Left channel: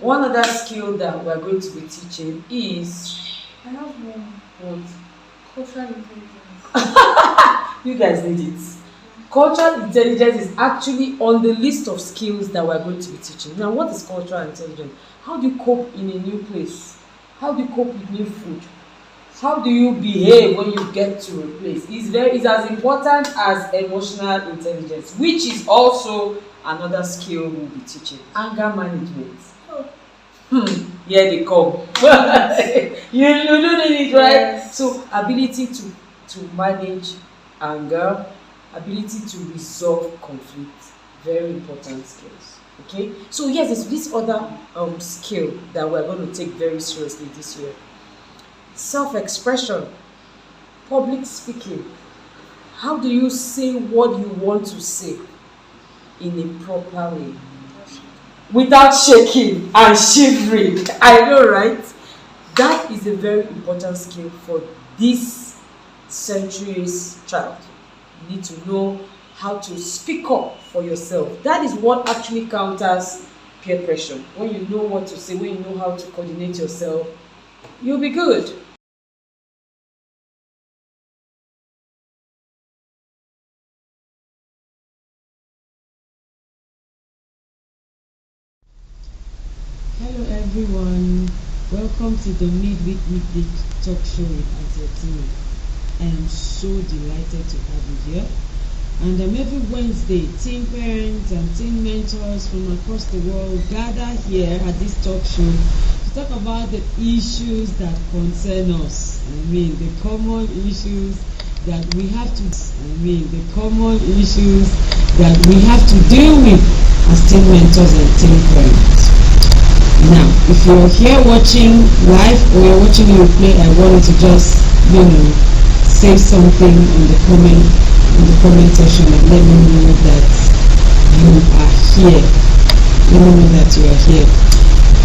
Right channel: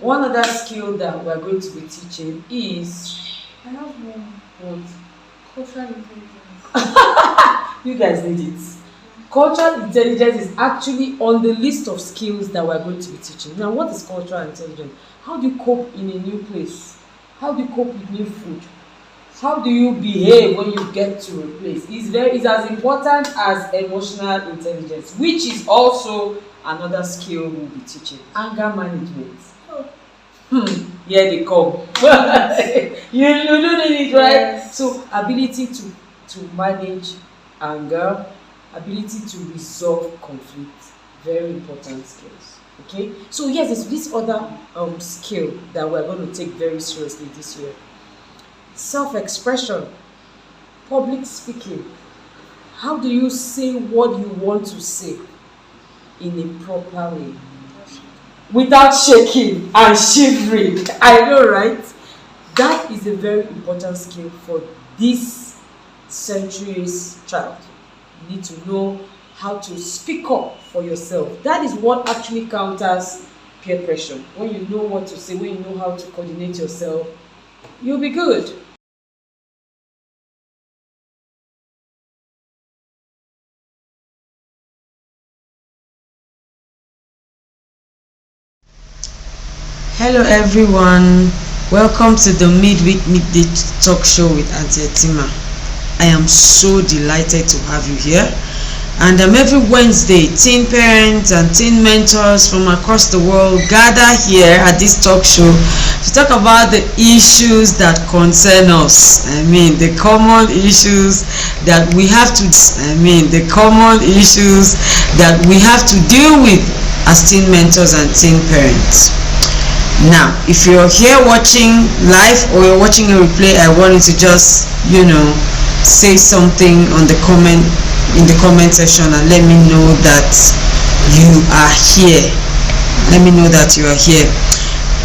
One other skill that we're going to be teaching is I have one. what? Cultural intelligence. You guys need it. Cultural intelligence is actually on the list of skills that we're going to be teaching. Now, what is cultural intelligence? How do you cope in a new place? How do you cope with new food? How do you behave when you get to a place? It's as important as emotional intelligence, which is also another skill we'll be teaching. Anger management. Here they come. you do need it, right? Yes. So ability to manage anger, ability to resolve conflict, very important skills. Okay, so yes, there's this other skill that we're going to take very seriously this year. Self-expression, public speaking. How do you say what you want to say in a proper way without shaking and shivering? I know, right? That is a very important skill for this century's child. You need to know how to speak up for yourself. That is what actually counters peer pressure. When you know what to say, when you know how to coordinate yourself, you'll be good. Hello everyone, welcome to the Midweek Midday Talk Show with Auntie Etima. I am so delighted to have you here. And every Wednesday, teen parents and teen mentors from across the world gather here at this talk show to talk about the issues that concern us. The common issues that we have to, deal with as teen mentors and teen parents. Now, if you're here watching live or you're watching a replay, I want you to just, say something in the comment section and let me know that you are here. Let me know that you are here.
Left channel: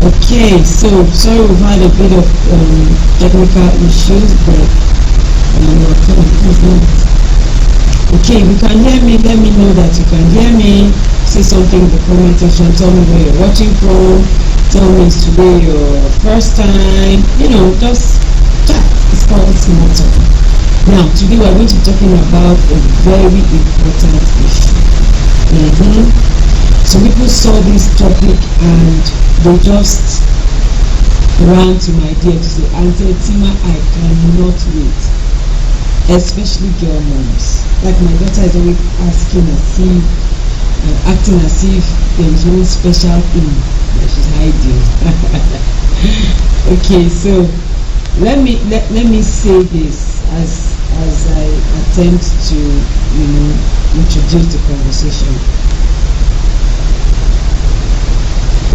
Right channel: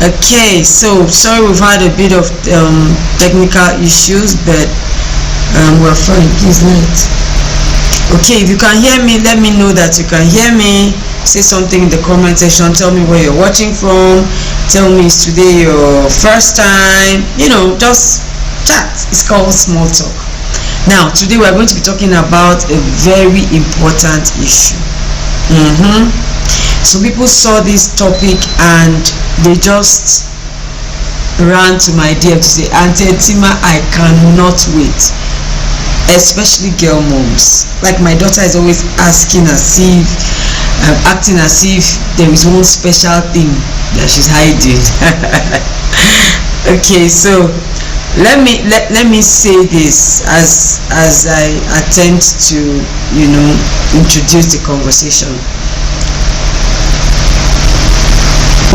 Okay, so sorry we've had a bit of technical issues, but we're fine. Please let. Okay, if you can hear me, let me know that you can hear me. Say something in the comment section. Tell me where you're watching from. Tell me is today your first time. Just chat. It's called small talk. Now, today we are going to be talking about a very important issue. So people saw this topic and they just ran to my DM to say, Auntie Etima, I cannot wait. Especially girl moms. Like my daughter is always asking acting as if there is one special thing that she's hiding. Okay, so let me say this as I attempt to introduce the conversation.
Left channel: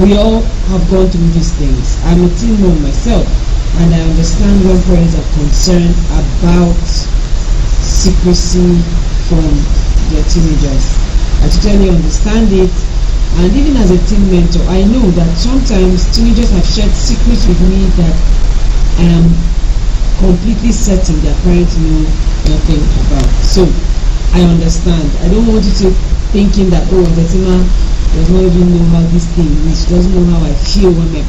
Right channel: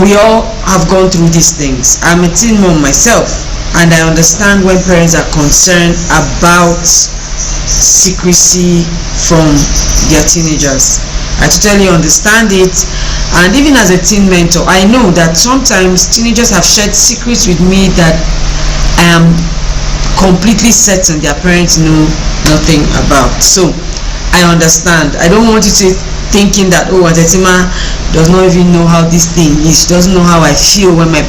We all have gone through these things. I'm a teen mom myself, and I understand when parents are concerned about secrecy from their teenagers. I totally understand it. And even as a teen mentor, I know that sometimes teenagers have shared secrets with me that I am completely certain their parents know nothing about. So I understand. I don't want you to thinking that Auntie Etima does not even know how this thing is. She doesn't know how I feel when my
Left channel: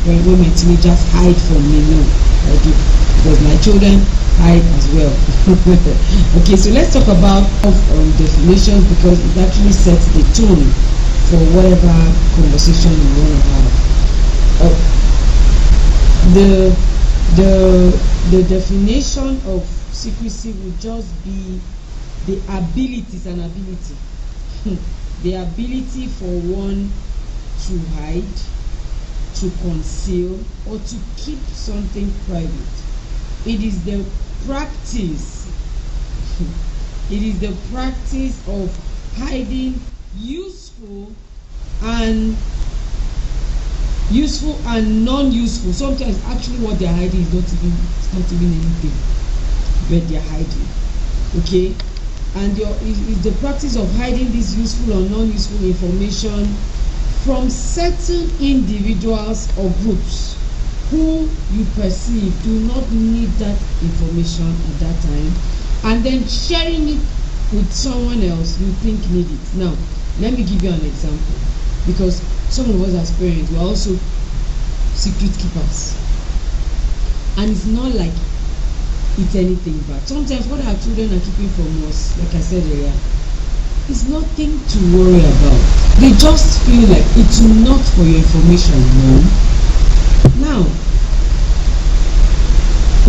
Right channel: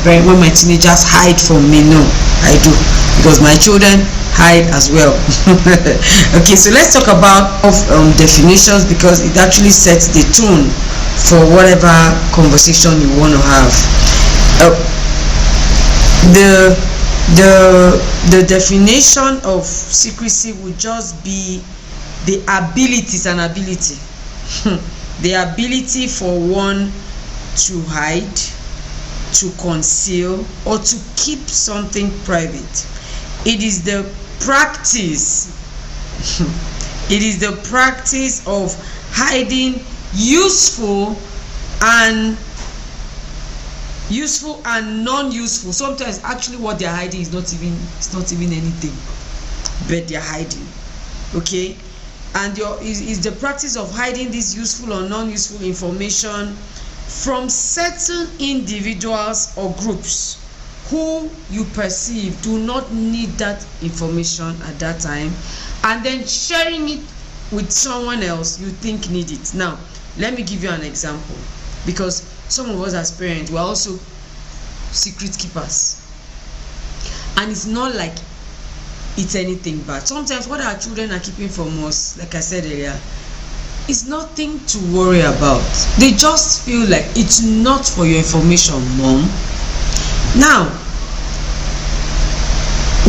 teenagers hide from me. No, I do, because my children hide as well. Okay, so let's talk about definitions, because it actually sets the tone for whatever conversation you want to have. The definition of secrecy would just be the ability. It's an ability. The ability for one to hide, to conceal, or to keep something private. It is the practice. It is the practice of hiding useful and non-useful. Sometimes actually what they're hiding is not even anything, but they're hiding. Okay, and is the practice of hiding this useful or non-useful information from certain individuals or groups who you perceive do not need that information at that time, and then sharing it with someone else you think need it. Now, let me give you an example, because some of us as parents, we're also secret keepers. And it's not like it's anything bad. Sometimes what our children are keeping from us, like I said earlier, is nothing to worry about. They just feel like it's not for your information, mom. Now,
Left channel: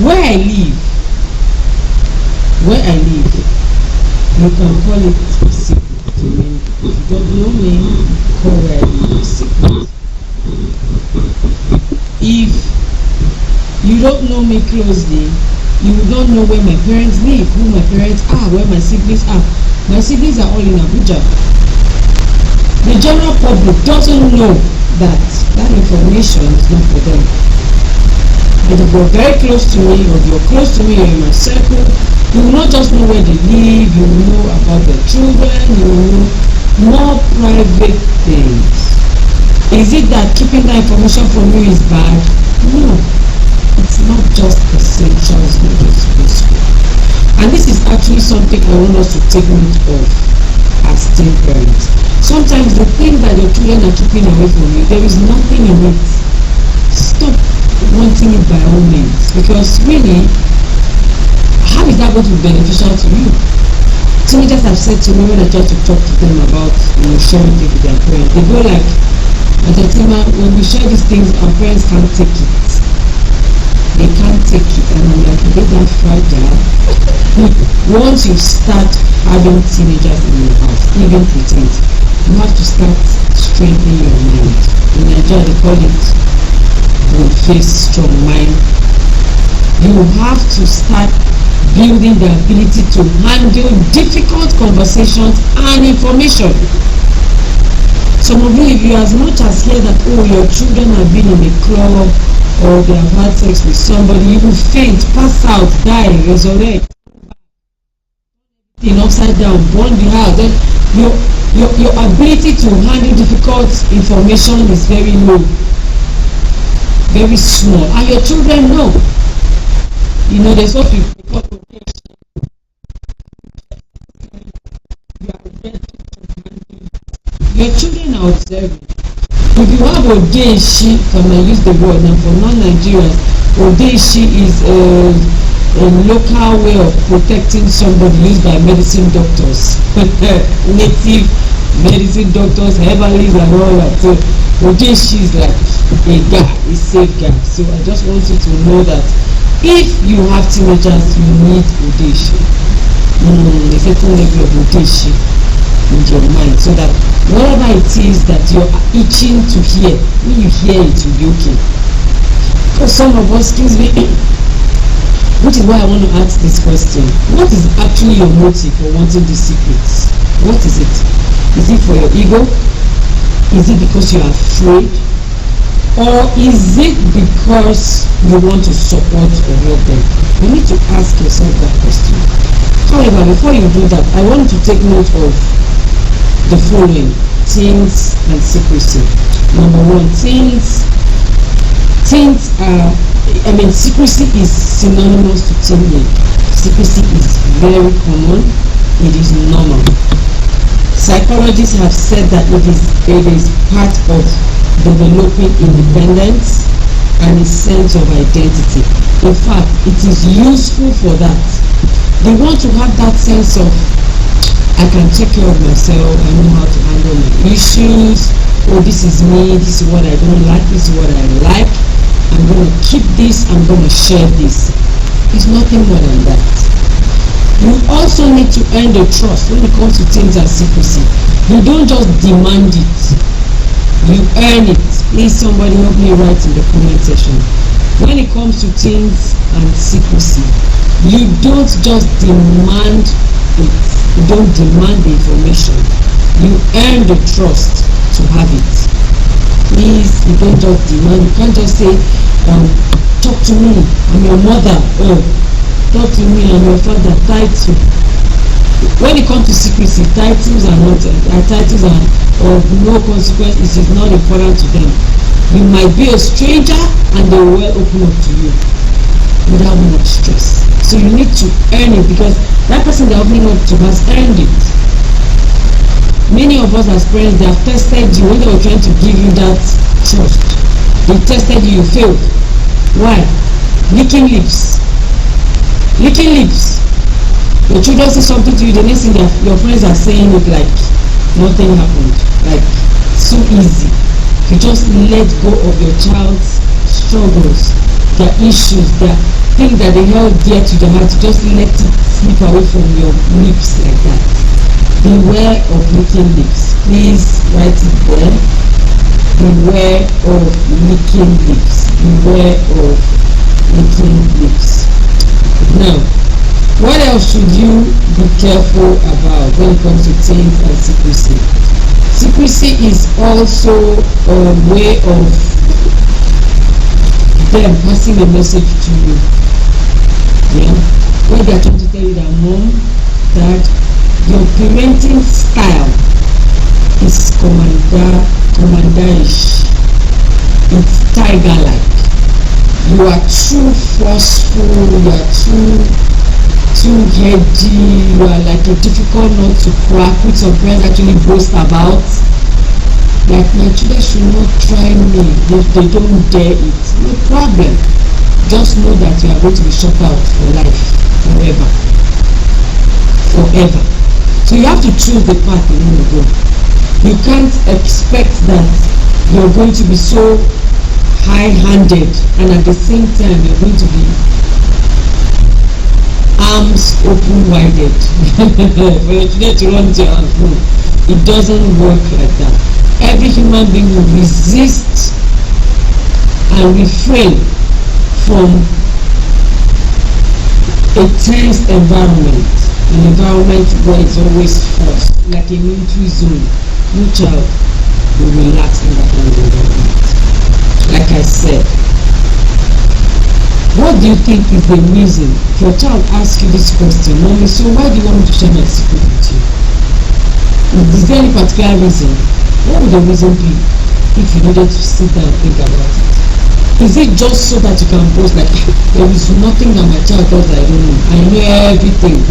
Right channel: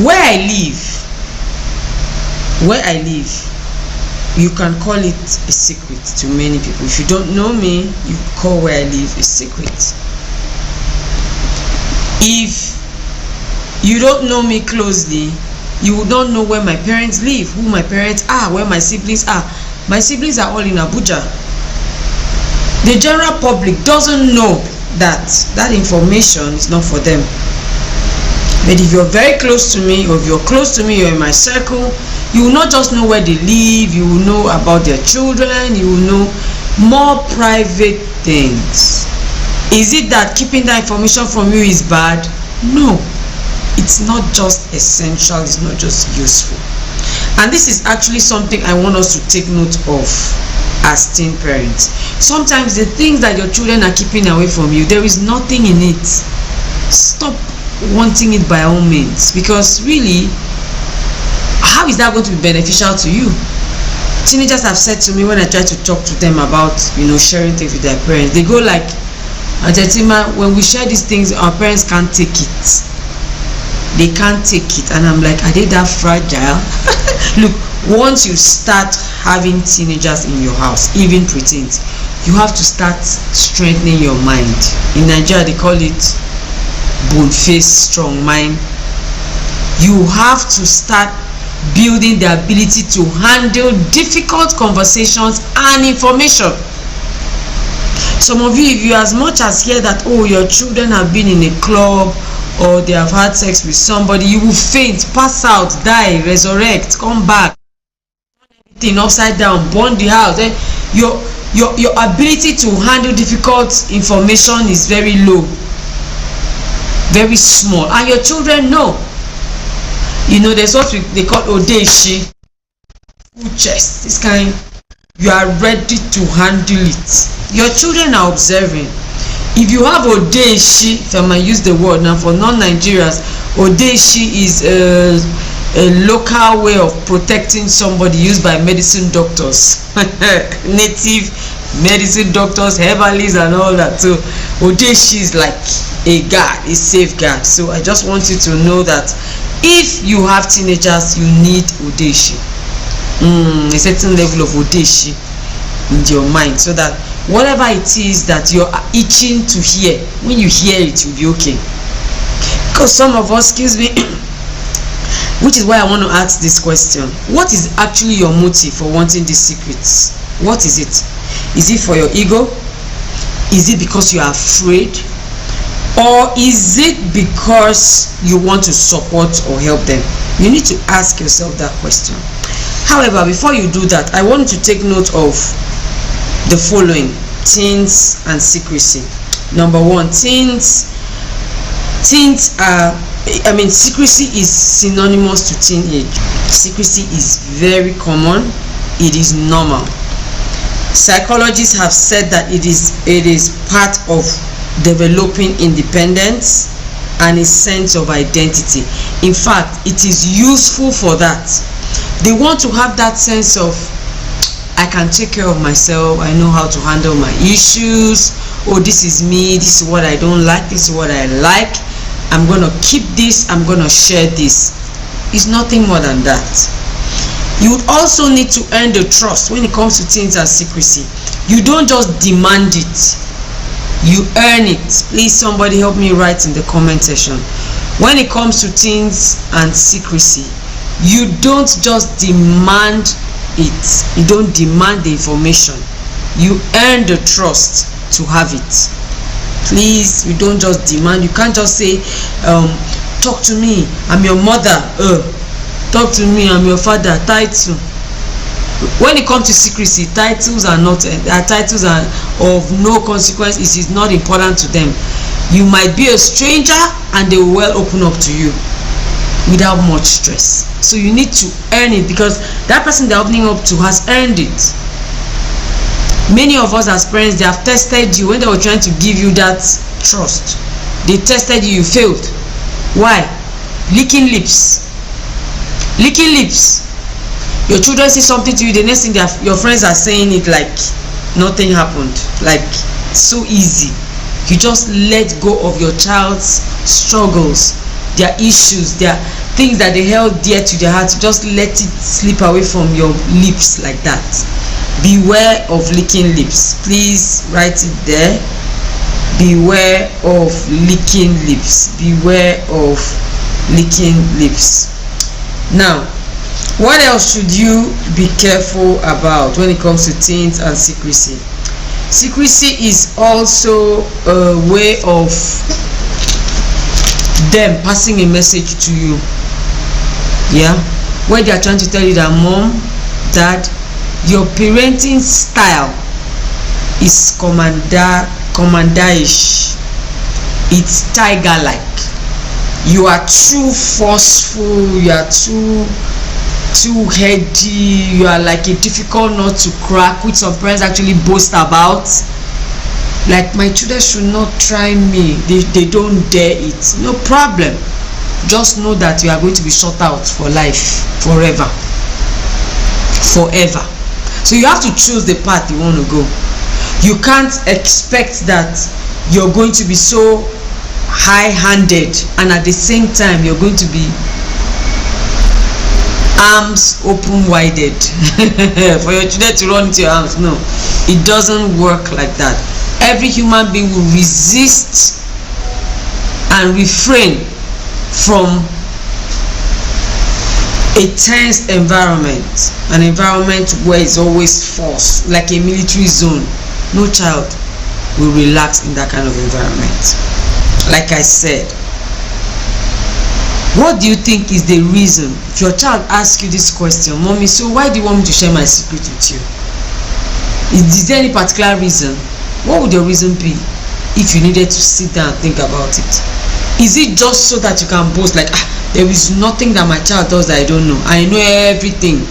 where I live, you can call it a secret to many people. If you don't know me, you call where I live a secret. If you don't know me closely, you will not know where my parents live, who my parents are, where my siblings are. My siblings are all in Abuja. The general public doesn't know that information is not for them. But if you're very close to me, or if you're close to me, you're in my circle, you will not just know where they live, you will know about their children, you will know more private things. Is it that keeping that information from you is bad? No. It's not just essential, it's not just useful. And this is actually something I want us to take note of as teen parents. Sometimes the things that your children are keeping away from you, there is nothing in it. Stop wanting it by all means, because really, how is that going to be beneficial to you? Teenagers have said to me when I try to talk to them about sharing things with their parents, they go like, Ajetima, when we share these things, our parents can't take it. They can't take it. And I'm like, are they that fragile? Look, once you start having teenagers in your house, even preteens, you have to start strengthening your mind. In Nigeria, they call it bone face, strong mind. You have to start building the ability to handle difficult conversations and information. Some of you, if you as much as hear that, oh, your children have been in a club or they have had sex with somebody, you will faint, pass out, die, resurrect, come back, everything upside down, burn the house. Then your ability to handle difficult information is very low, very small, and your children know. There's what they call odeshi, full chest, this kind. You are ready to handle it. Your children are observing. If you have odeshi, if I might use the word now for non-Nigerians, odeshi is a local way of protecting somebody used by medicine doctors, native medicine doctors, herbalists and all that. So odeshi is like a guard, a safeguard. So I just want you to know that if you have teenagers, you need odeshi, a certain level of odeshi in your mind, so that whatever it is that you're itching to hear, when you hear it, you'll be okay. Because some of us, excuse me, which is why I want to ask this question: what is actually your motive for wanting these secrets? What is it? Is it for your ego? Is it because you are afraid? Or is it because you want to support or help them? You need to ask yourself that question. However, before you do that, I want you to take note of the following: teens and secrecy. Number one, teens are, secrecy is synonymous to teenage. Secrecy is very common. It is normal. Psychologists have said that it is part of developing independence and a sense of identity. In fact, it is useful for that. They want to have that sense of, I can take care of myself, I know how to handle my issues, oh, this is me, this is what I don't like, this is what I like, I'm going to keep this, I'm going to share this. It's nothing more than that. You also need to earn the trust when it comes to teens and secrecy. You don't just demand it, you earn it. Please, somebody help me write in the comment section. When it comes to teens and secrecy, you don't just demand it. You don't demand the information. You earn the trust to have it. Please, you don't just demand. You can't just say, talk to me, I'm your mother. Talk to me, I'm your father. Title. When it comes to secrecy, titles are of no consequence. It is not important to them. You might be a stranger and they will well open up to you without much stress. So you need to earn it, because that person they're opening up to has earned it. Many of us as parents, they have tested you when they were trying to give you that trust. They tested you, you failed. Why? Licking lips. Licking lips. Your children say something to you, the next thing your friends are saying it like nothing happened, like so easy. You just let go of your child's struggles, their issues, their things that they held dear to their heart. Just let it slip away from your lips like that. Beware of licking lips. Please write it there. Beware of licking lips. Beware of licking lips. Now, what else should you be careful about when it comes to teens and secrecy? Secrecy is also a way of them passing a message to you. Yeah, where they are trying to tell you that mom, dad, your parenting style is commanderish. It's tiger-like. You are too forceful. You are too heady. You are like a difficult nut to crack, which some parents actually boast about. Like, my children should not try me, they don't dare it. No problem, just know that you are going to be shut out for life, forever. So you have to choose the path you want to go. You can't expect that you're going to be so high-handed and at the same time you're going to be arms open-wided for your children to run into your arms. No, it doesn't work like that. Every human being will resist and refrain from a tense environment, an environment where it's always force, like a military zone. No child will relax in that kind of environment. Like I said, what do you think is the reason? If your child asks you this question, mommy, so why do you want me to share my secret with you? Is there any particular reason? What would your reason be if you needed to sit down and think about it? Is it just so that you can boast like, there is nothing that my child does that I don't know, I know everything?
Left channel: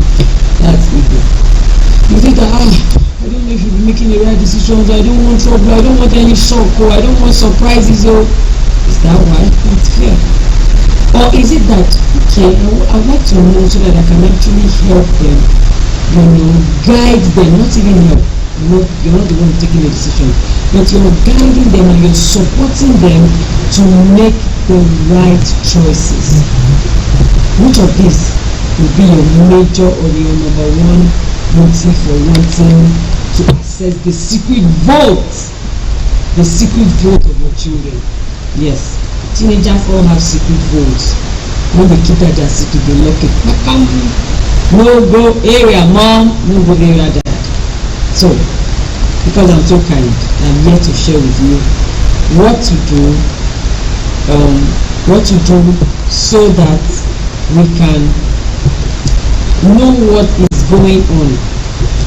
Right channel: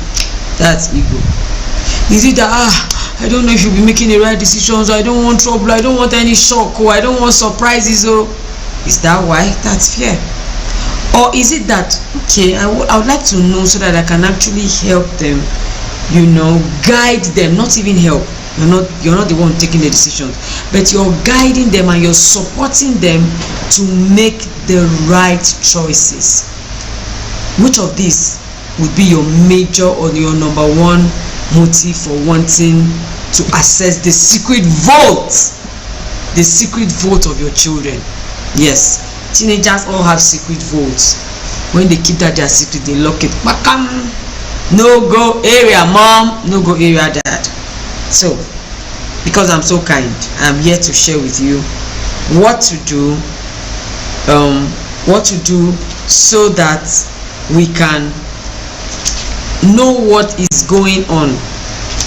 That's ego. Is it that I don't know if you'll be making the right decisions, I don't want trouble, I don't want any shock, or I don't want surprises, or is that why? That's fear. Or is it that, okay, I would like to know so that I can actually help them, guide them, not even help. You're not the one taking the decision, but you're guiding them and you're supporting them to make the right choices. Which of these would be your major or your number one motive for wanting to access the secret vote of your children? Yes, teenagers all have secret votes. When they keep that their secret, they lock it. No go area mom, no go area dad. So, because I'm so kind, I'm here to share with you what to do so that we can know what is going on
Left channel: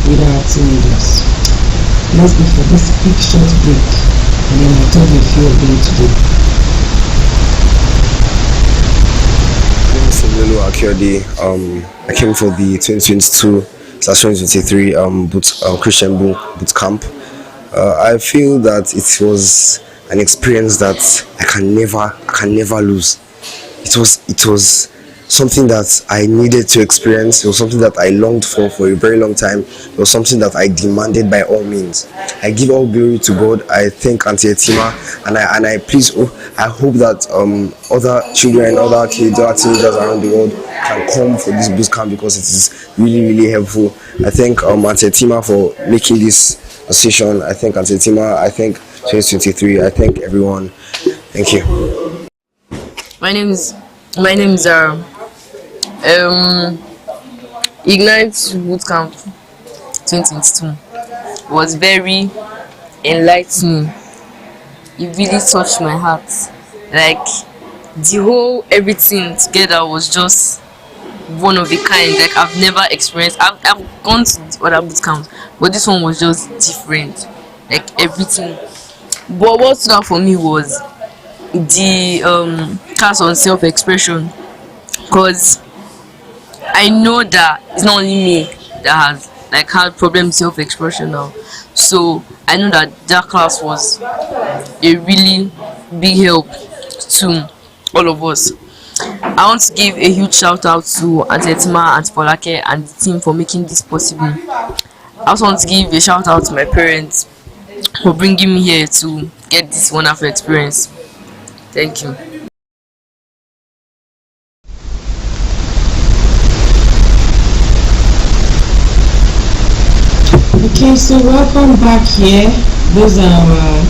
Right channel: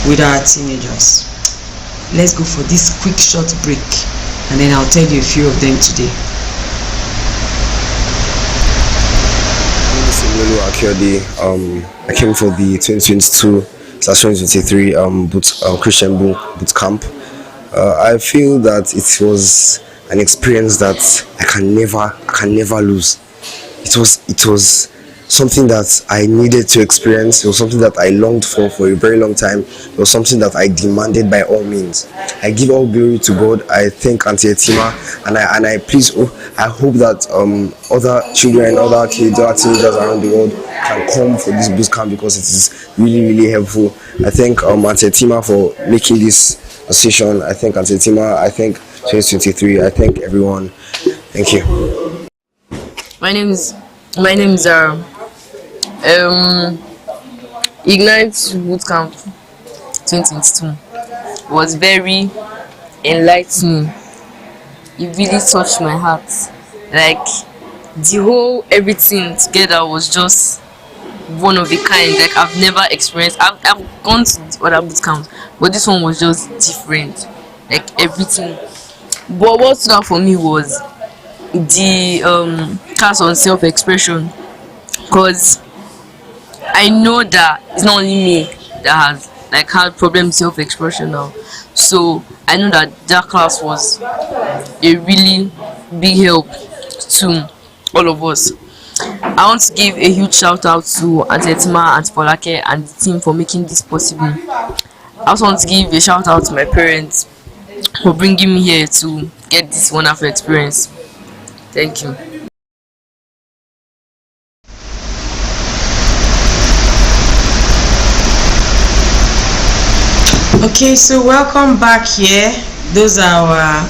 with our teenagers. Let's go for this quick short break and then I'll tell you a few of them today. My name is Lulu Akiode. I came for the 2022/2023 Christian boot camp. I feel that it was an experience that I can never lose. It was something that I needed to experience. It was something that I longed for a very long time. It was something that I demanded by all means. I give all glory to God. I thank Auntie Etima, and I hope that other children, other kids, other teenagers around the world can come for this boot camp because it is really helpful. I thank Auntie Etima for making this decision. I thank Auntie Etima. I thank 2023. I thank everyone. Thank you. My name is Ignite Bootcamp 2022 was very enlightening. It really touched my heart. Like the whole everything together was just one of a kind. Like I've never experienced. I've gone to other bootcamps, but this one was just different. Like everything. But what stood out for me was the class on self-expression, because I know that it's not only me that has like had problem self-expression now. So I know that class was a really big help to all of us. I want to give a huge shout out to Auntie Etima, Auntie Folake, and the team for making this possible. I also want to give a shout out to my parents for bringing me here to get this wonderful experience. Thank you. Okay, so welcome back here. Those are our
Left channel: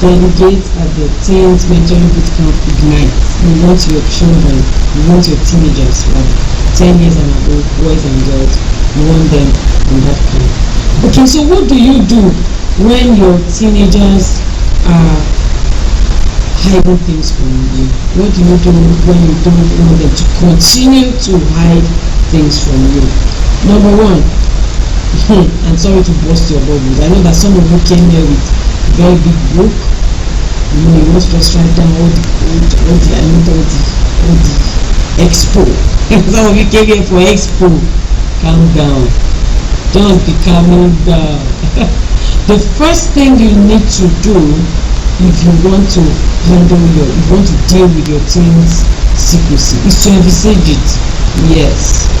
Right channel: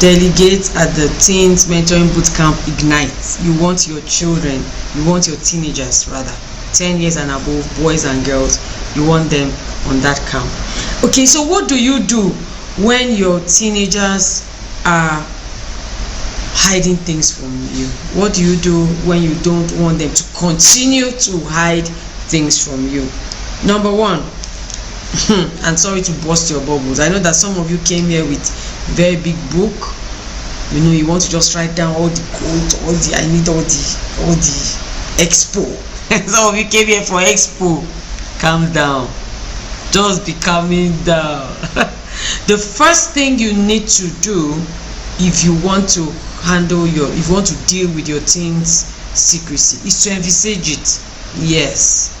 delegates at the Teens Mentoring Bootcamp Ignite. You want your children, you want your teenagers rather, 10 years and above, boys and girls, you want them on that camp. Okay, so what do you do when your teenagers are hiding things from you? What do you do when you don't want them to continue to hide things from you? Number one, I'm sorry to burst your bubbles. I know that some of you came here with a very big book. You know, you want to just write down all the code, I need all the expo. Some of you came here for expo. Calm down. Just be calming down. The first thing you need to do if you want to if you want to deal with your teens' secrecy is to envisage it. Yes.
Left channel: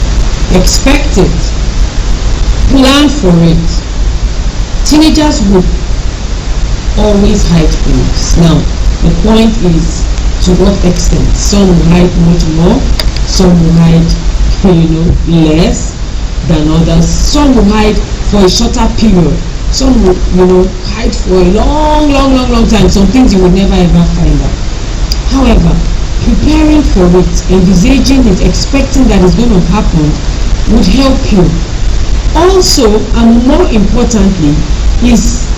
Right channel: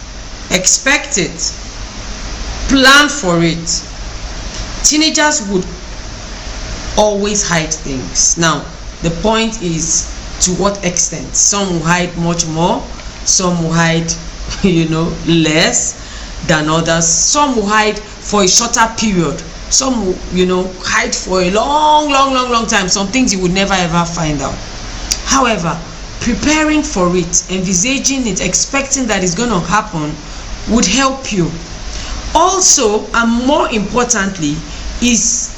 Expect it. Plan for it. Teenagers would always hide things. Now, the point is to what extent. Some will hide much more, some will hide, less than others. Some will hide for a shorter period. Some will, hide for a long time. Some things you would never ever find out. However, preparing for it, envisaging it, expecting that it's going to happen would help you. Also, and more importantly, is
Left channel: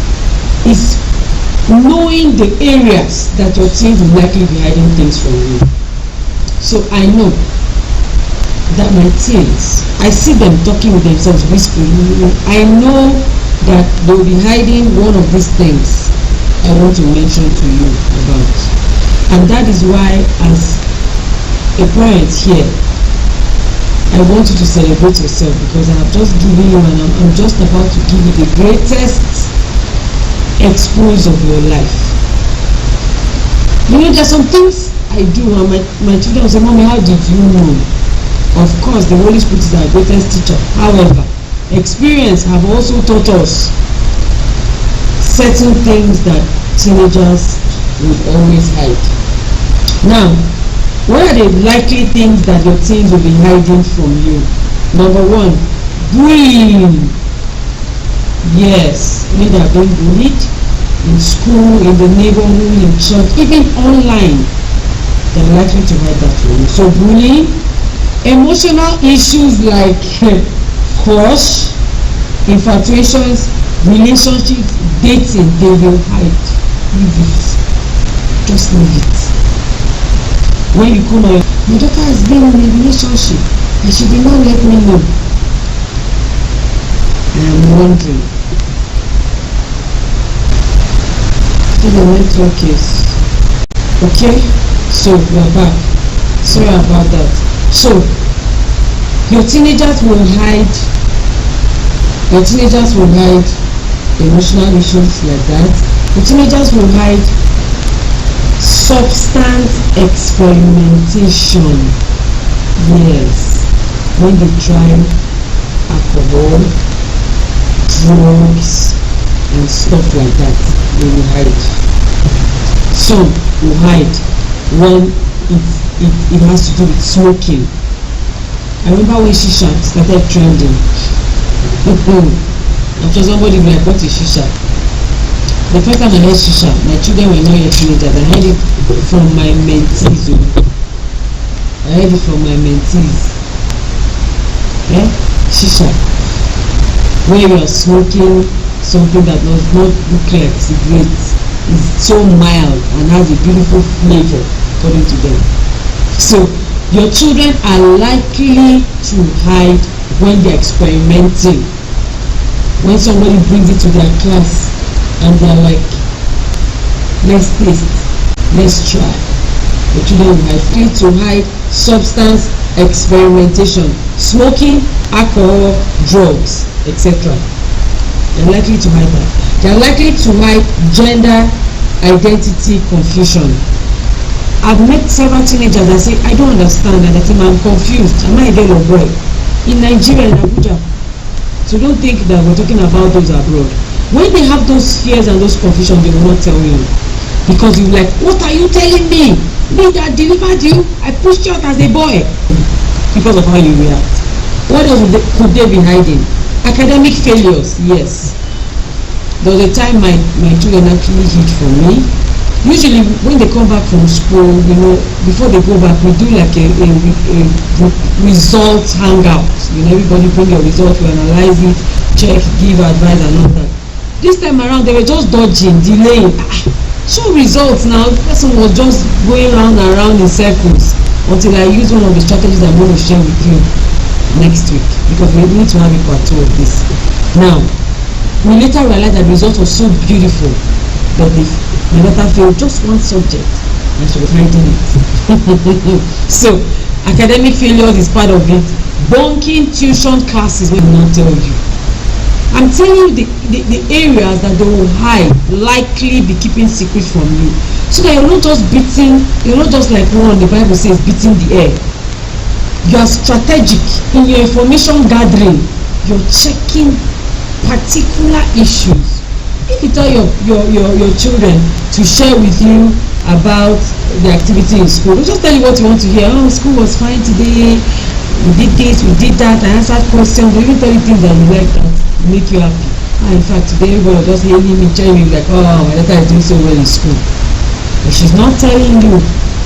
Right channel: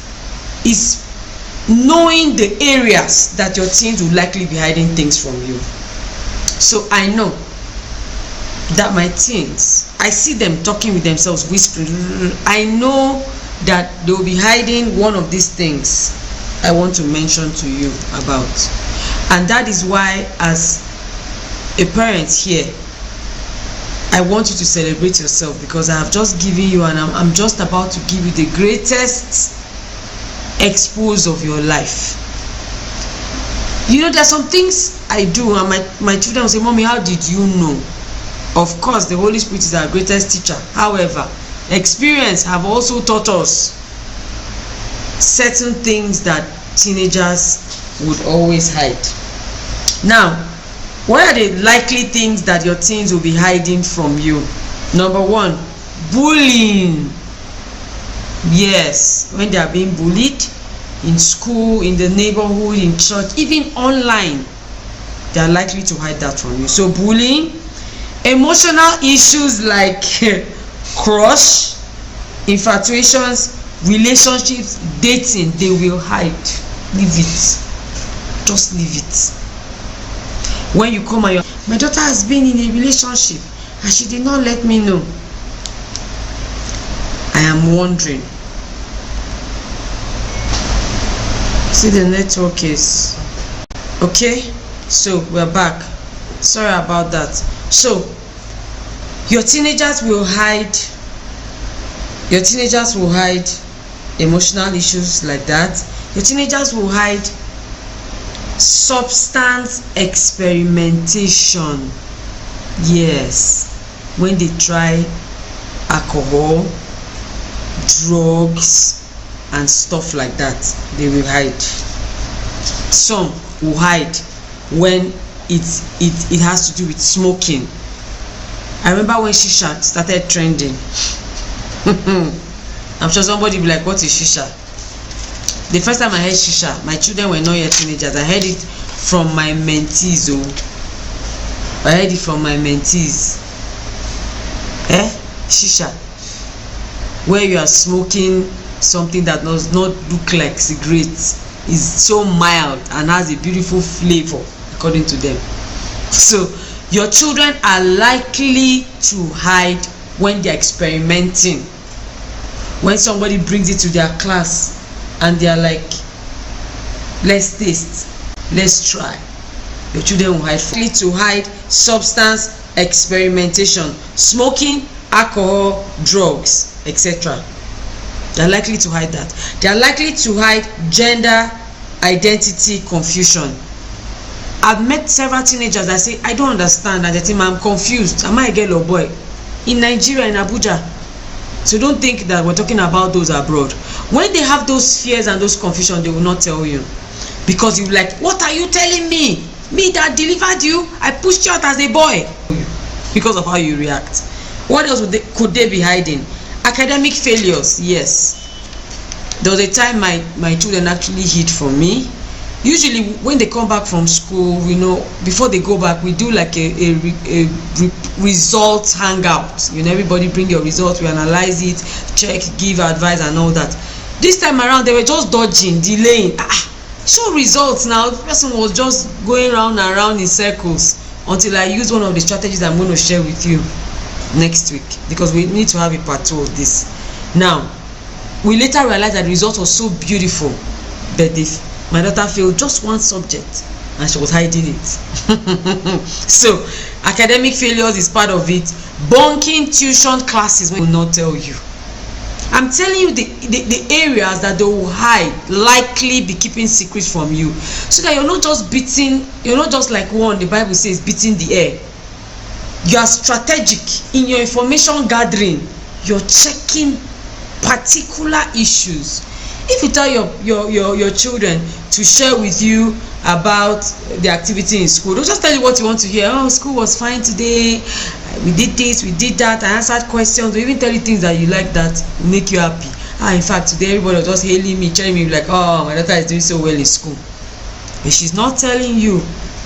knowing the areas that your teens will likely be hiding things from you. So I know that my teens, I see them talking with themselves, whispering. I know that they will be hiding one of these things I want to mention to you about. And that is why, as a parent here, I want you to celebrate yourself, because I have just given you, and I'm just about to give you the greatest expose of your life. There's some things I do, and my children will say, "Mommy, how did you know?" Of course, the Holy Spirit is our greatest teacher. However, experience have also taught us certain things that teenagers would always hide. Now, what are the likely things that your teens will be hiding from you? Number one, bullying. Yes, when they are being bullied in school, in the neighborhood, in church, even online, they are likely to hide that from you. So bullying, emotional issues like crush, infatuations, relationships, dating, they will hide. Leave it. Just leave it. When you come and my daughter has been in a relationship and she did not let me know, I am wondering. See, the network is okay. So we're back. Sorry about that. So your teenagers will hide emotional issues like that. Your teenagers will hide substance experimentation. Yes, when they try alcohol, drugs, and stuff like that, they will hide. Some will hide when it has to do with smoking. I remember when shisha started trending. I'm sure somebody will be like, "What is shisha?" The first time I heard shisha, my children were not yet teenagers. I heard it from my mentees. I heard it from my mentees. Shisha. When you are smoking something that does not look like cigarettes, is so mild and has a beautiful flavor, according to them. So your children are likely to hide when they're experimenting. When somebody brings it to their class and they are like, "Let's taste, let's try," your children will hide. To hide substance experimentation, smoking, alcohol, drugs, etc. They are likely to hide that. They are likely to hide gender identity confusion. I've met several teenagers that say, I don't understand, and they think I'm confused. Am I a girl or boy? In Nigeria, in Abuja. So don't think that we're talking about those abroad. When they have those fears and those confusion, they will not tell you. Because you're like, what are you telling me? Me that delivered you? I pushed you out as a boy. Because of how you react. What else could they be hiding? Academic failures, yes. There was a time my children actually hid from me. Usually when they come back from school, before they go back, we do like a results hangout. Everybody bring your results, we analyze it, check, give advice and all that. This time around, they were just dodging, delaying. So results now, the person was just going round and round in circles until I use one of the strategies I'm going to share with you next week, because we need to have a part 2 of this. Now, we later realized that the result was so beautiful that my daughter failed just one subject and she was hiding it. So academic failures is part of it. Bunking tuition classes will not tell you. I'm telling you the areas that they will hide, likely be keeping secrets from you, so that you're not just like the Bible says, beating the air. You are strategic in your information gathering. You're checking particular issues. If you tell your children to share with you about the activity in school, don't just tell you what you want to hear. Oh, school was fine today, we did this, we did that, I answered questions. They even tell you things that you like that make you happy. In fact, today everybody was just hailing me, telling me like, oh, my daughter is doing so well in school. But she's not telling you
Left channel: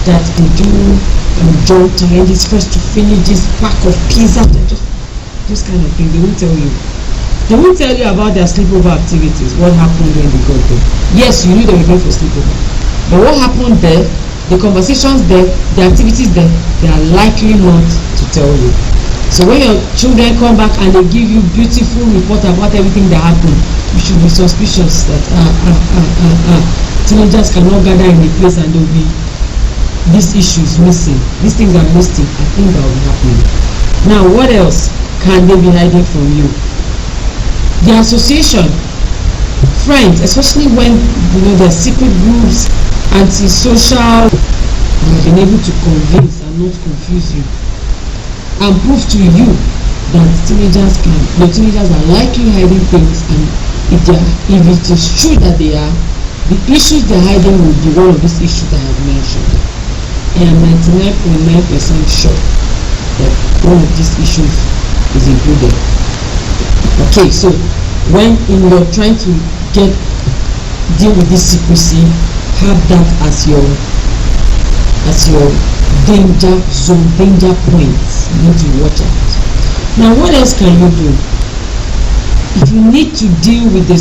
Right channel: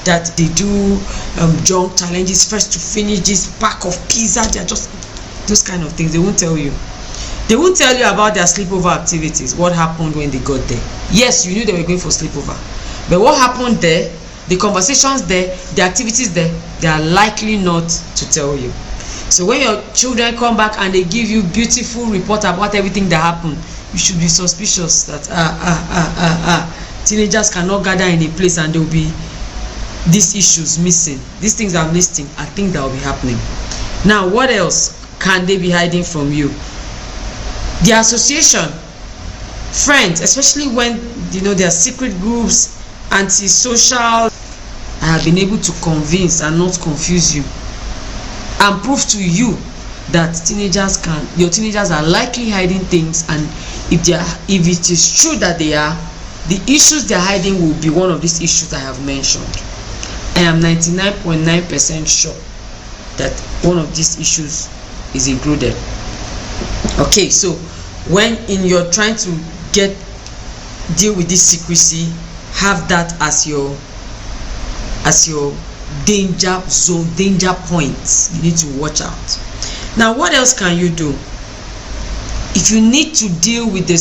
that they do jump challenges, first to finish this pack of pizza. They're just those kind of things. They won't tell you. They won't tell you about their sleepover activities, what happened when they got there. Yes, you knew they were going for sleepover, but what happened there, the conversations there, the activities there, they are likely not to tell you. So when your children come back and they give you beautiful report about everything that happened, you should be suspicious that teenagers cannot gather in a place and there will be these issues missing, these things are missing, I think that will be happening. Now, what else can they be hiding from you? The association, friends, especially when there are secret groups, anti-social. I have been able to convince and not confuse you and prove to you that your teenagers are likely hiding things, and if it is true that they are, the issues they're hiding will be one of these issues I have mentioned. I am 99.9% sure that one of these issues is included. Okay, so when you're trying to deal with this secrecy, have that as your danger zone, danger points. You need to watch out. Now, what else can you do? If you need to deal with the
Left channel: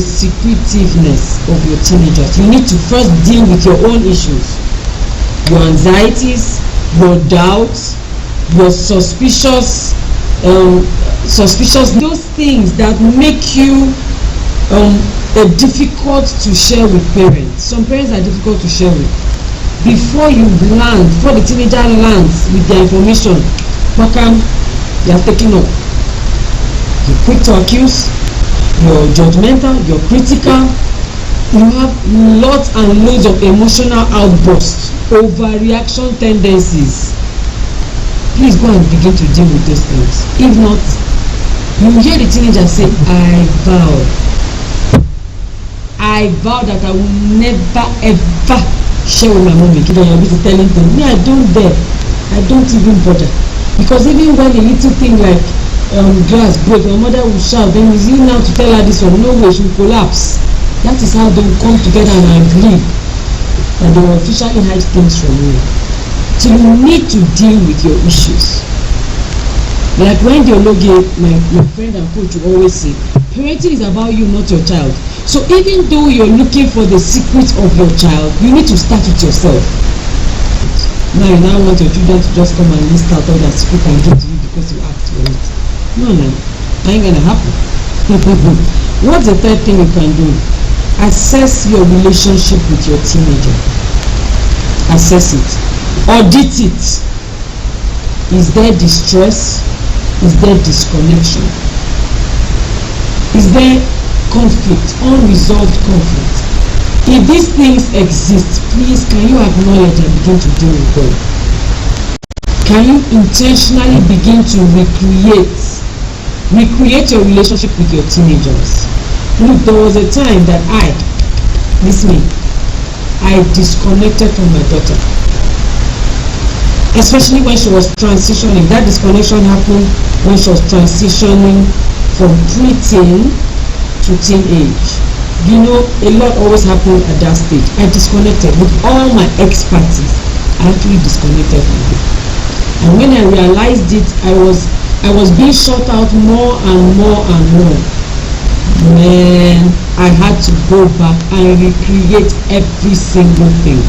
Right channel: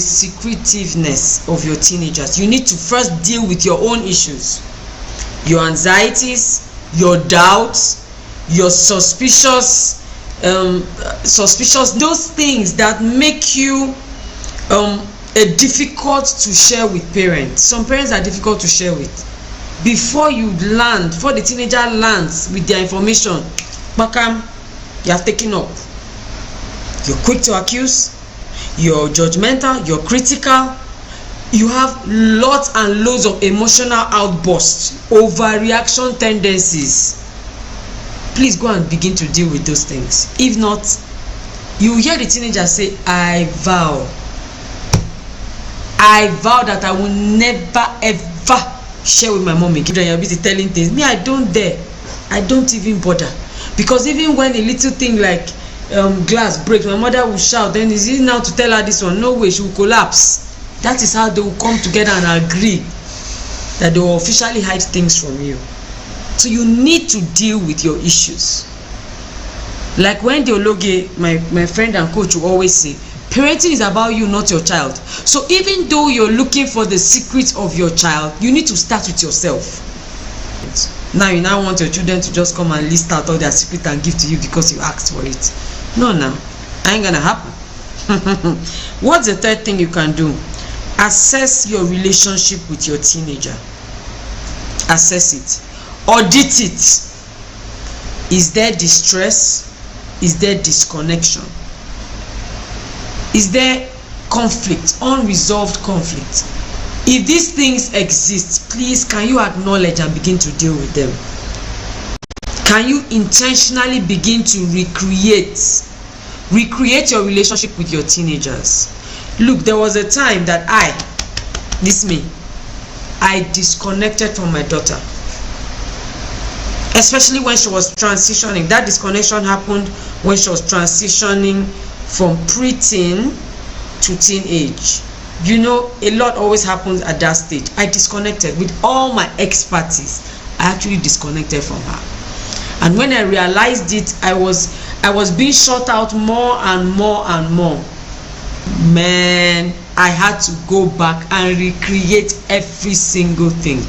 secretiveness of your teenagers, you need to first deal with your own issues, your anxieties, your doubts, your suspicious, those things that make you difficult to share with parents. Some parents are difficult to share with. Before the teenager lands with their information, you have taken up. You're quick to accuse, you're judgmental, you're critical, you have lots and loads of emotional outbursts, overreaction tendencies. Please go and begin to deal with those things. If not, you will hear the teenager say, I vow that I will never ever share with my mommy. You're busy telling things. Me, I don't dare. I don't even bother. Because even when a little thing like glass breaks, my mother will shout, then is it now to tell her this one? No way, she will collapse. That is how they will come together and agree that they will officially hide things from you. So you need to deal with your issues. Like when Diologe, my friend and coach, will always say, parenting is about you, not your child. So even though you're looking for the secret of your child, you need to start with yourself. Now you want your children to just come and list out all their secret and give to you because you asked for it. No, ain't gonna happen. What's the third thing you can do? Assess your relationship with your teenager. Assess it. Audit it. Is there distress? Is there disconnection? Is there conflict, unresolved conflict? If these things exist, please can you acknowledge and begin to deal with them? Can you intentionally begin to recreate your relationship with your teenagers? Look, there was a time that I disconnected from my daughter, especially when she was transitioning. That disconnection happened when she was transitioning from preteen to teenage. You know, a lot always happens at that stage. I disconnected with all my expertise. I actually disconnected from her, and when I realized it, I was being shut out more and more and more. Man, I had to go back and recreate every single thing.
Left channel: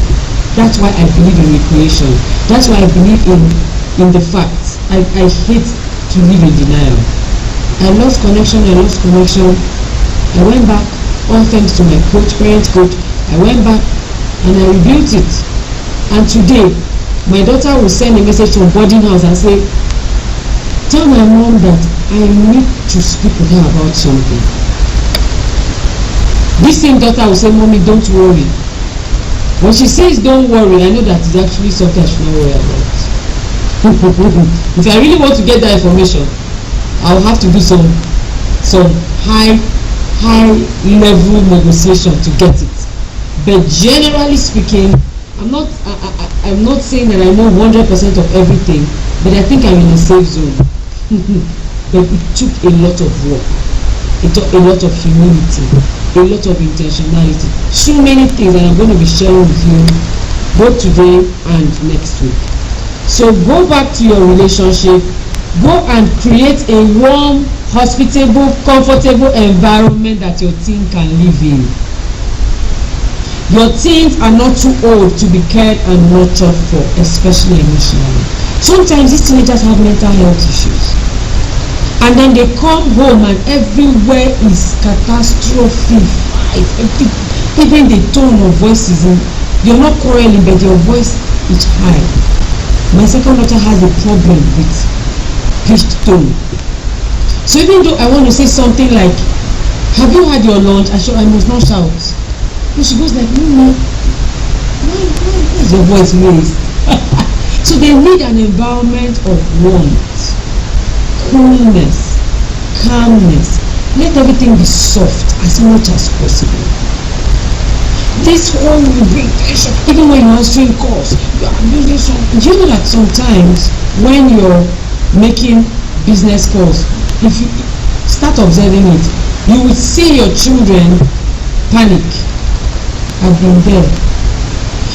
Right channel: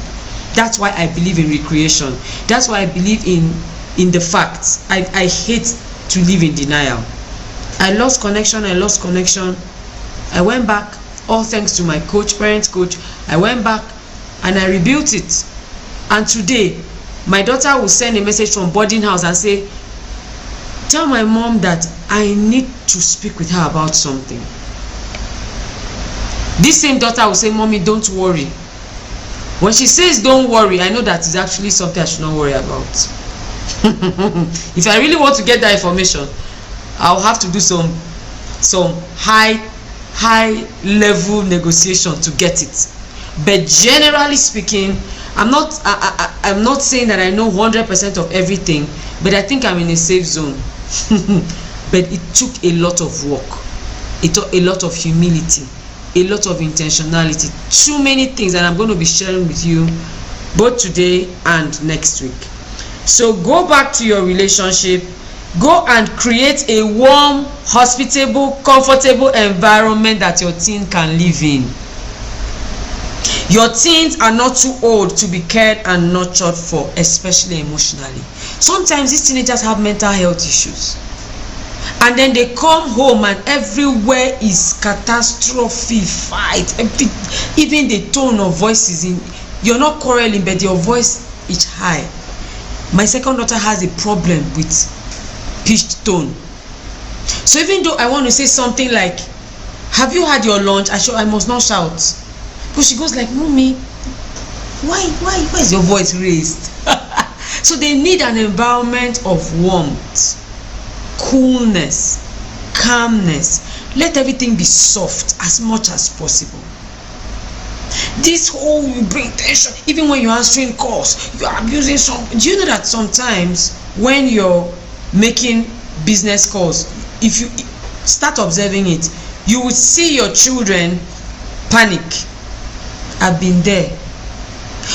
That's why I believe in recreation. That's why I believe in the facts. I hate to live in denial. I lost connection. I went back, all thanks to my parent coach. I went back and I rebuilt it. And today, my daughter will send a message from boarding house and say, tell my mom that I need to speak with her about something. This same daughter will say, mommy, don't worry. When she says don't worry, I know that it's actually something I should not worry about. If I really want to get that information, I'll have to do some high level negotiation to get it. But generally speaking, I'm not saying that I know 100% of everything, but I think I'm in a safe zone. But it took a lot of work. It took a lot of humility, a lot of intentionality, too many things that I'm going to be sharing with you both today and next week. So go back to your relationship. Go and create a warm, hospitable, comfortable environment that your teen can live in. Your teens are not too old to be cared and nurtured for, especially emotionally. Sometimes these teenagers have mental health issues, and then they come home and everywhere is catastrophe, fight, even the tone of voice is in. You're not quarreling, but your voice is high. My second daughter has a problem with pitched tone. So even though I want to say something like, have you had your lunch? I must not shout. But she goes like, mommy, why is your voice raised? So they need an environment of warmth, coolness, calmness. Let everything be soft as much as possible. This whole will bring tension. Even when you're answering calls, you're abusing something. Do you know that sometimes when you're making business calls, if you start observing it, you will see your children panic. I've been there.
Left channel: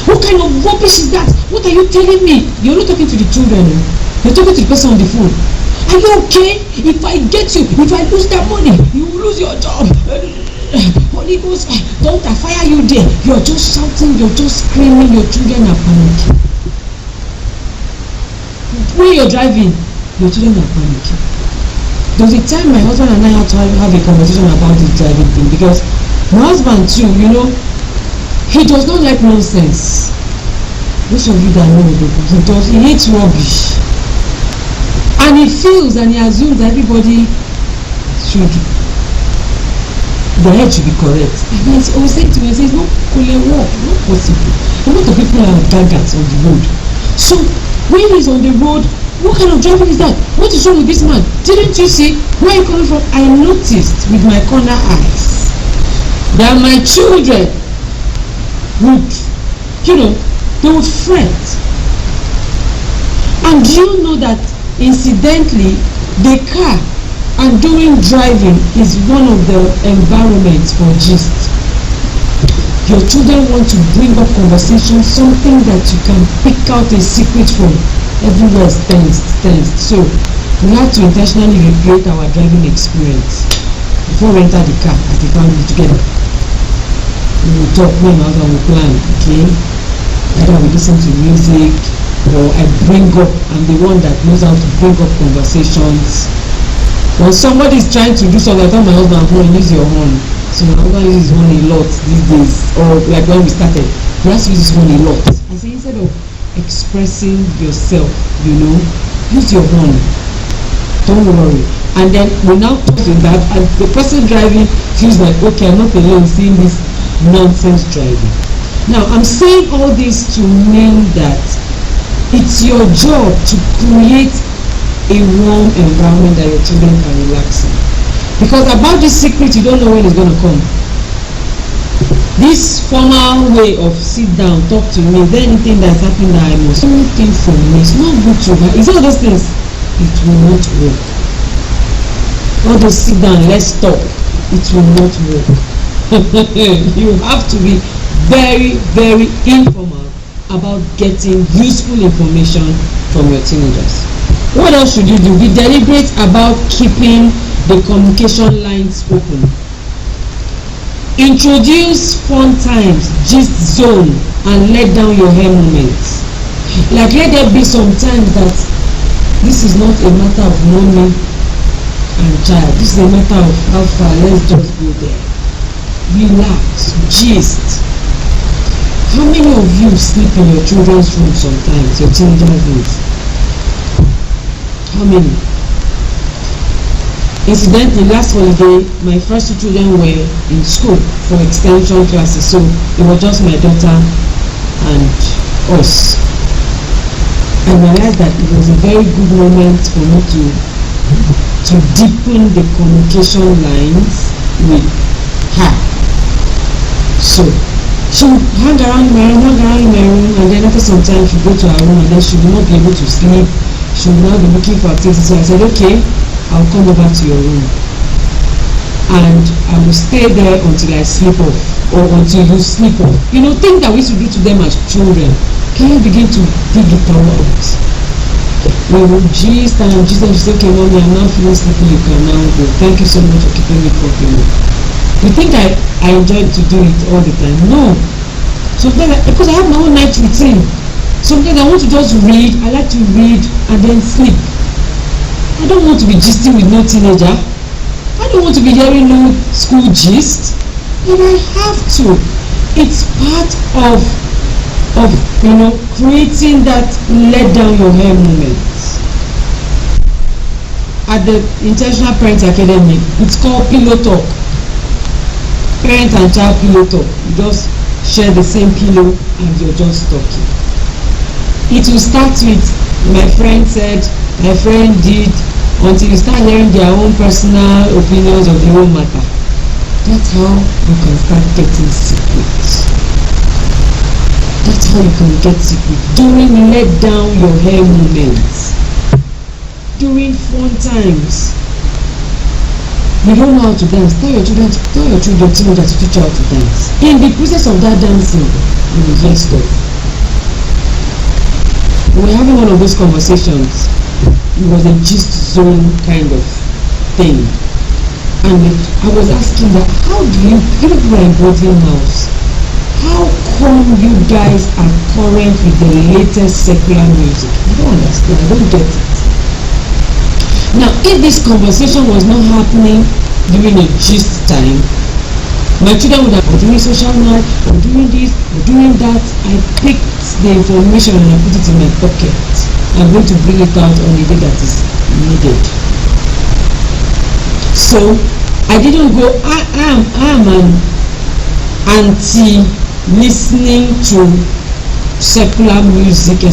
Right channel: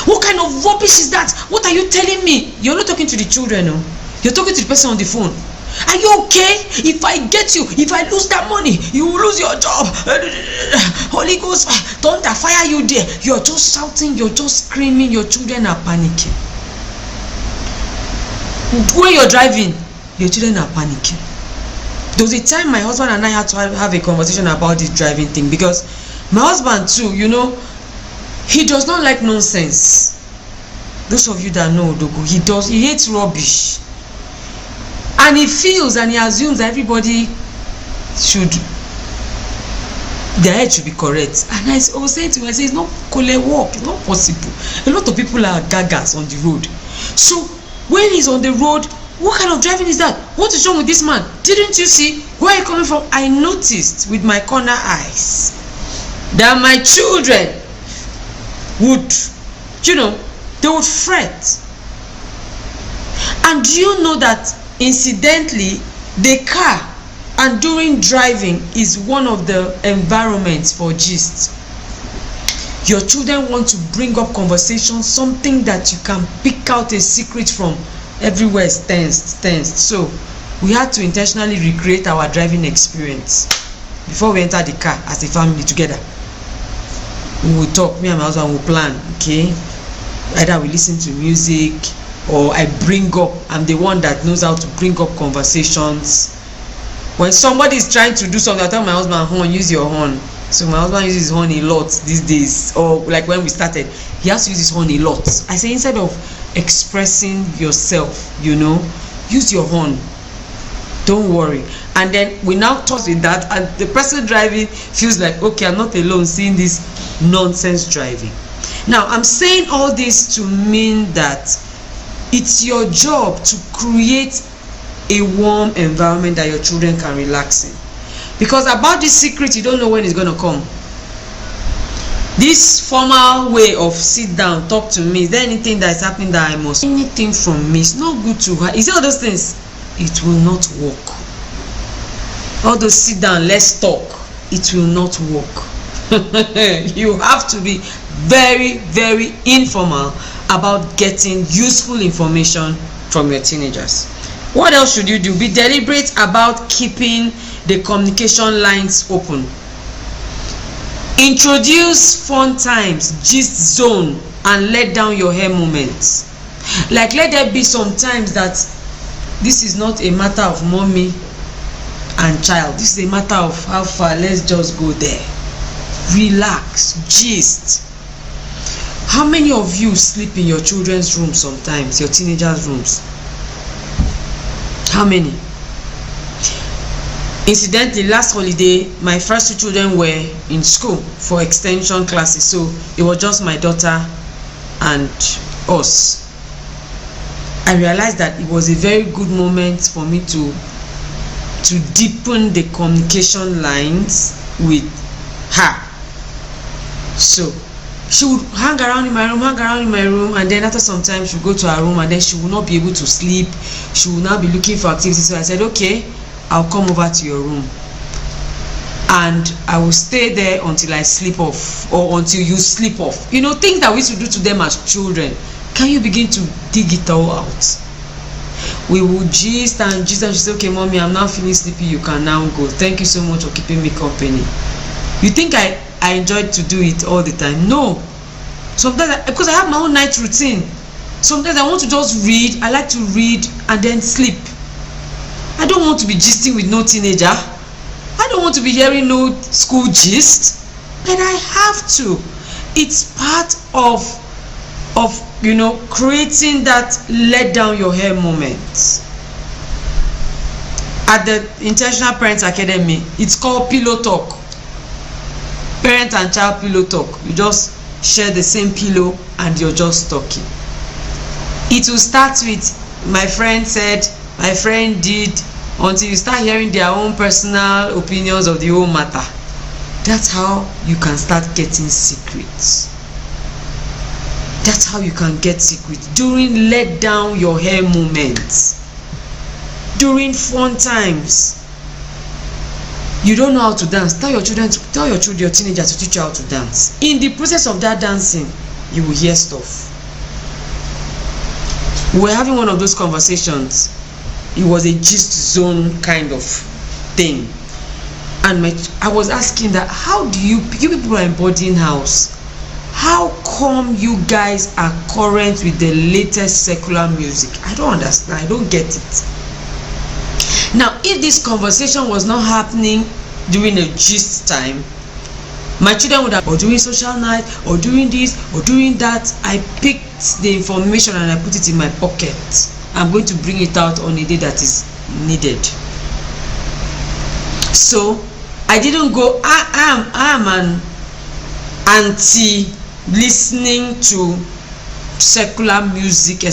What kind of rubbish is that? What are you telling me? You're not talking to the children, no? You're talking to the person on the phone. Are you okay? If I get you, if I lose that money, you will lose your job. Holy Ghost, don't I fire you there? You're just shouting, you're just screaming, your children are panicking. When you're driving, your children are panicking. There was a time my husband and I had to have a conversation about this driving thing, because my husband too, you know, he does not like nonsense. Those of you that know, he hates rubbish. And he feels and he assumes that everybody their head should be correct. And I always say to him, I say, it's not work, it's not possible. A lot of people are gagas on the road. So when he's on the road, what kind of driving is that? What is wrong with this man? Didn't you see where are you coming from? I noticed with my corner eyes that my children would, they would fret. And do you know that incidentally, the car and during driving is one of the environments for gist. Your children want to bring up conversation, something that you can pick out a secret from. Everywhere is tensed. So we had to intentionally recreate our driving experience before we enter the car as a family together. We will talk, me and my husband will plan, okay? Either we listen to music, or I bring up, I'm the one that knows how to bring up conversations. When somebody is trying to do something, I tell my husband, horn, use your horn. So my husband uses his horn a lot these days, or like when we started, he has to use his horn a lot. I say, instead of expressing yourself, use your horn. Don't worry. And then we now talk in that, and the person driving feels like, okay, I'm not alone seeing this nonsense driving. Now, I'm saying all this to mean that it's your job to create a warm environment that your children can relax in. Because about this secret, you don't know when it's going to come. This formal way of sit down, talk to me, is there anything that is happening that I must, anything from me, it's not good to her. Is there all those things? It will not work. All those sit down, let's talk, it will not work. You have to be very, very informal about getting useful information from your teenagers. What else should you do? Be deliberate about keeping the communication lines open. Introduce fun times, gist zone, and let down your hair moments. Like, let there be some times that this is not a matter of mommy and child, this is a matter of how far, let's just go there. Relax, gist. How many of you sleep in your children's rooms sometimes, your teenagers' rooms? How many? Incidentally, last holiday, my first two children were in school for extension classes, so it was just my daughter and us. I realized that it was a very good moment for me to deepen the communication lines with her. So she would hang around in my room, and then after some time she would go to her room, and then she would not be able to sleep. She would now be looking for activities. So I said, okay, I'll come over to your room and I will stay there until I sleep off, or until you sleep off. You know, things that we used to do to them as children. Can you begin to dig it all out? We will gist and gist, and she said, okay, mommy, I'm now feeling sleepy, you can now go. Thank you so much for keeping me company. You think I enjoyed to do it all the time? No. Sometimes, because I have my own night routine. Sometimes I want to just read. I like to read and then sleep. I don't want to be gisting with no teenager. I don't want to be hearing no school gist. And I have to. It's part of creating that let down your hair moment. At the Intentional Parents Academy, it's called Pillow Talk. Parent and child pillow talk. You just share the same pillow and you're just talking. It will start with, my friend said, my friend did, until you start hearing their own personal opinions of the whole matter. That's how you can start getting secrets. That's how you can get secrets. During let down your hair moments. During fun times. You don't know how to dance. Tell your teenager to teach you how to dance. In the process of that dancing, you will hear stuff. We were having one of those conversations. It was a gist zone kind of thing, and I was asking that, how do you people are in boarding house, how come you guys are current with the latest secular music? I don't understand. I don't get it. Now, if this conversation was not happening during a gist time, my children would have, or during social night, or doing this, or doing that. I picked the information and I put it in my pocket. I'm going to bring it out on a day that is needed. So I didn't go, I am an anti listening to secular music,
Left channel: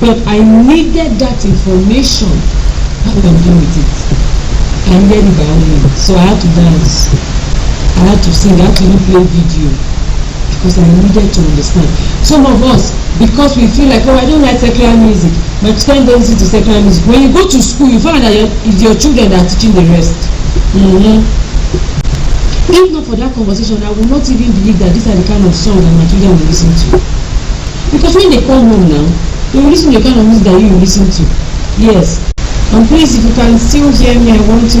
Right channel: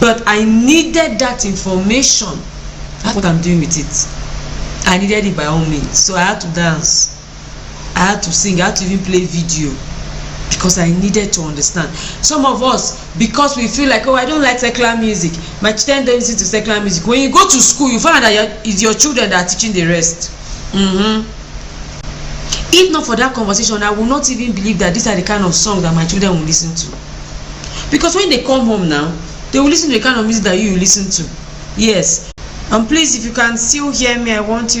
but I needed that information. That's what I'm doing with it. I needed it by all means. So I had to dance, I had to sing, I had to even play video, because I needed to understand. Some of us, because we feel like, oh, I don't like secular music, my tendency to secular music. When you go to school, you find that it's your children that are teaching the rest. If not for that conversation, I would not even believe that these are the kind of songs that my children will listen to. Because when they come home now, they will listen to the kind of music that you listen to. Yes. And please, if you can still hear me, I want you